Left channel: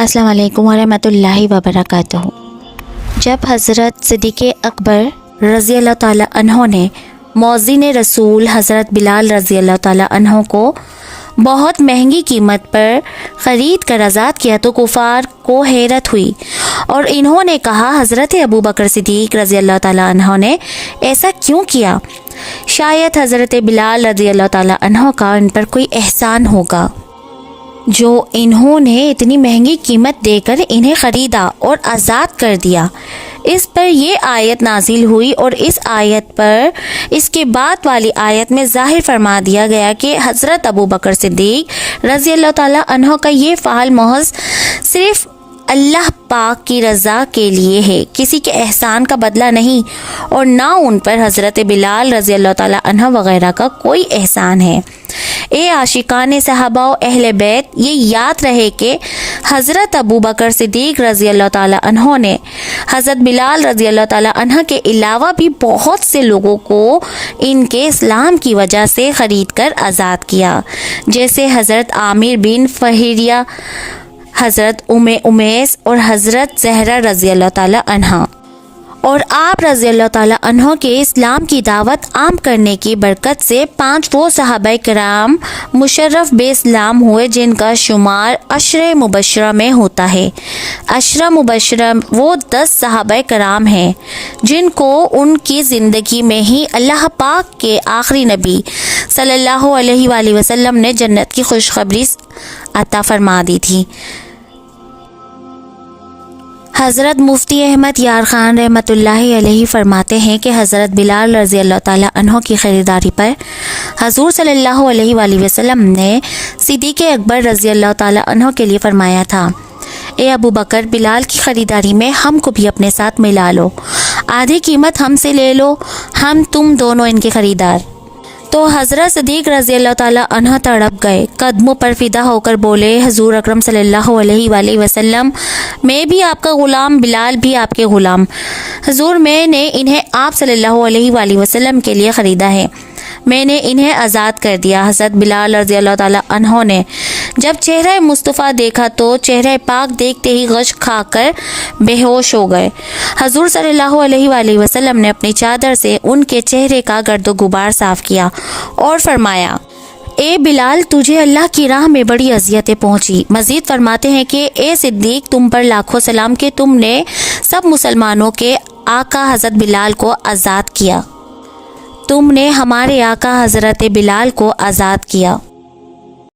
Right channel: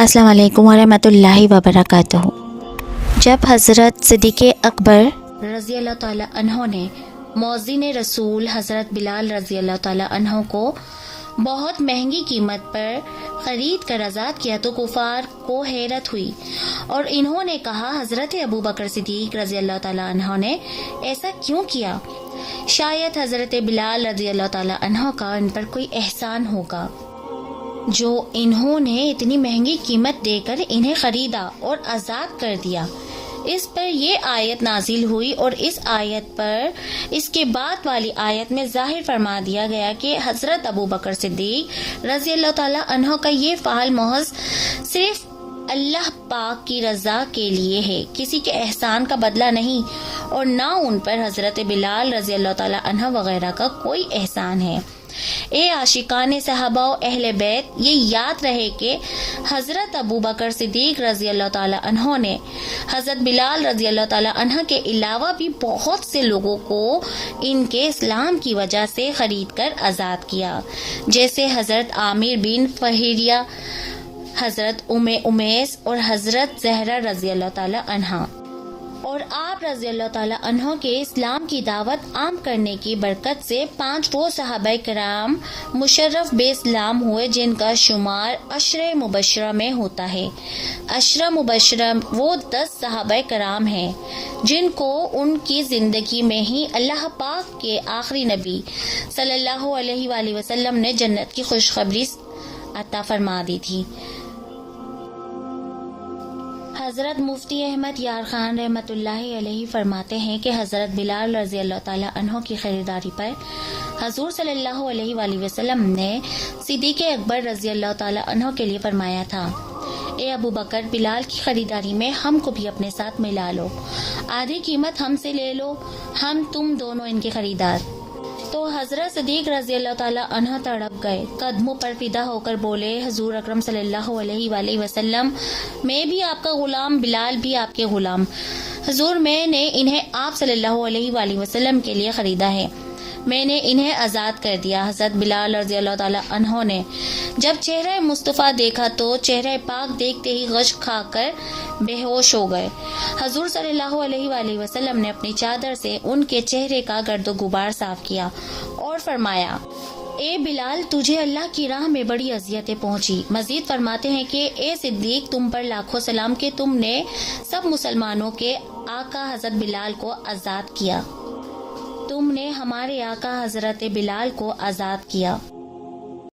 السلام علیکم ورحمۃ اللہ وبرکاتہ۔ جب حضرت صدیق اکبر رضی اللہ تعالیٰ عنہ نے مؤذن رسول حضرت بلال رضی اللہ تعالیٰ عنہ کو بہت مہنگی قیمت پر خرید کر آزاد کیا تو کفار کو حیرت ہوئی اور انہوں نے کہا حضرت ابو بکر صدیق رضی اللہ تعالیٰ عنہ نے ایسا کیوں کیا؟ شاید حضرت بلال رضی اللہ تعالیٰ عنہ کا ان پر کوئی احسان ہوگا جو انہوں نے اتنی مہنگی قیمت دے کر انہیں خریدا اور آزاد کر دیا۔ اس پر یہ آیت نازل ہوئی اور اس آیت پر اس کے بعد والی آیت میں ظاہر فرما دیا گیا کہ حضرت ابو بکر صدیق رضی اللہ تعالیٰ عنہ کا یہ فعل محض صرف اللہ پاک کی رضا کے لیے ہے، کسی کے احسان کا بدلہ نہیں، اور نہ ان پر حضرت بلال رضی اللہ تعالیٰ عنہ وغیرہ کا کوئی احسان ہے۔ اے عاشقان صحابہ و اہل بیت، یہ یاد رہے کہ حضرت ابو بکر صدیق رضی اللہ تعالیٰ عنہ نے حضرت بلال رضی اللہ تعالیٰ عنہ کے علاوہ بھی بہت سے لوگوں کو ان کے اسلام کی وجہ سے خرید کر آزاد کیا، جیسے حضرت عامر بن فہریہ، حضرت امیس اور حضرت زہرہ رضی اللہ تعالیٰ عنہ۔ اور آپ رضی اللہ تعالیٰ عنہ کے اسلام کی دعوت عام کرنے کی برکت سے 5 وہ صحابہ کرام مشرف بے اسلام ہوئے جن کا شمار عشرہ مبشرہ میں ہوتا ہے۔ عشرہ مبشرہ وہ 10 صحابہ کرام ہیں جن کو ان کی زندگی میں ہی اللہ پاک کے آخری نبی صلی اللہ علیہ وآلہ وسلم نے جنت کی خوشخبری عطا فرما دی تھی۔ حضرت مفتی احمد یار خان رحمۃ اللہ علیہ فرماتے ہیں کہ حضرت بلال رضی اللہ تعالیٰ عنہ کی خریداری پر حضور صلی اللہ علیہ وآلہ وسلم نے صدیق اکبر رضی اللہ تعالیٰ عنہ کے لیے فرمایا تھا، اے ابو بکر، بلال کی خریداری میں ہم کو بھی اپنے ساتھ ملا لو، آدھی قیمت ہم سے لے لو، ہم تم دونوں ان کے خریدار۔ تو حضرت صدیق رضی اللہ تعالیٰ عنہ تڑپ گئے، قدموں پر فدا ہو کر بولے، حضور اکرم صلی اللہ علیہ وآلہ وسلم، میں بھی آپ کا غلام، بلال بھی آپ کے غلام۔ حضور، میں نے انہیں آپ صلی اللہ علیہ وآلہ وسلم کے لیے خریدا ہے، میں نے انہیں آزاد کر دیا۔ حضرت بلال رضی اللہ تعالیٰ عنہ نے جب چہرہ مصطفیٰ دیکھا تو چہرہ پاک دیکھتے ہی غش کھا کر بے ہوش ہو گئے۔ حضور صلی اللہ علیہ وآلہ وسلم نے اپنی چادر سے ان کے چہرے کا گرد و غبار صاف کیا اور فرمایا، اے بلال، تجھے اللہ کی راہ میں بڑی اذیتیں پہنچی۔ مزید فرماتے ہیں کہ اے صدیق، تم پر لاکھوں سلام کہ تم نے سب مسلمانوں کے آقا حضرت بلال کو آزاد کیا، تم نے ہمارے آقا حضرت بلال کو آزاد کیا۔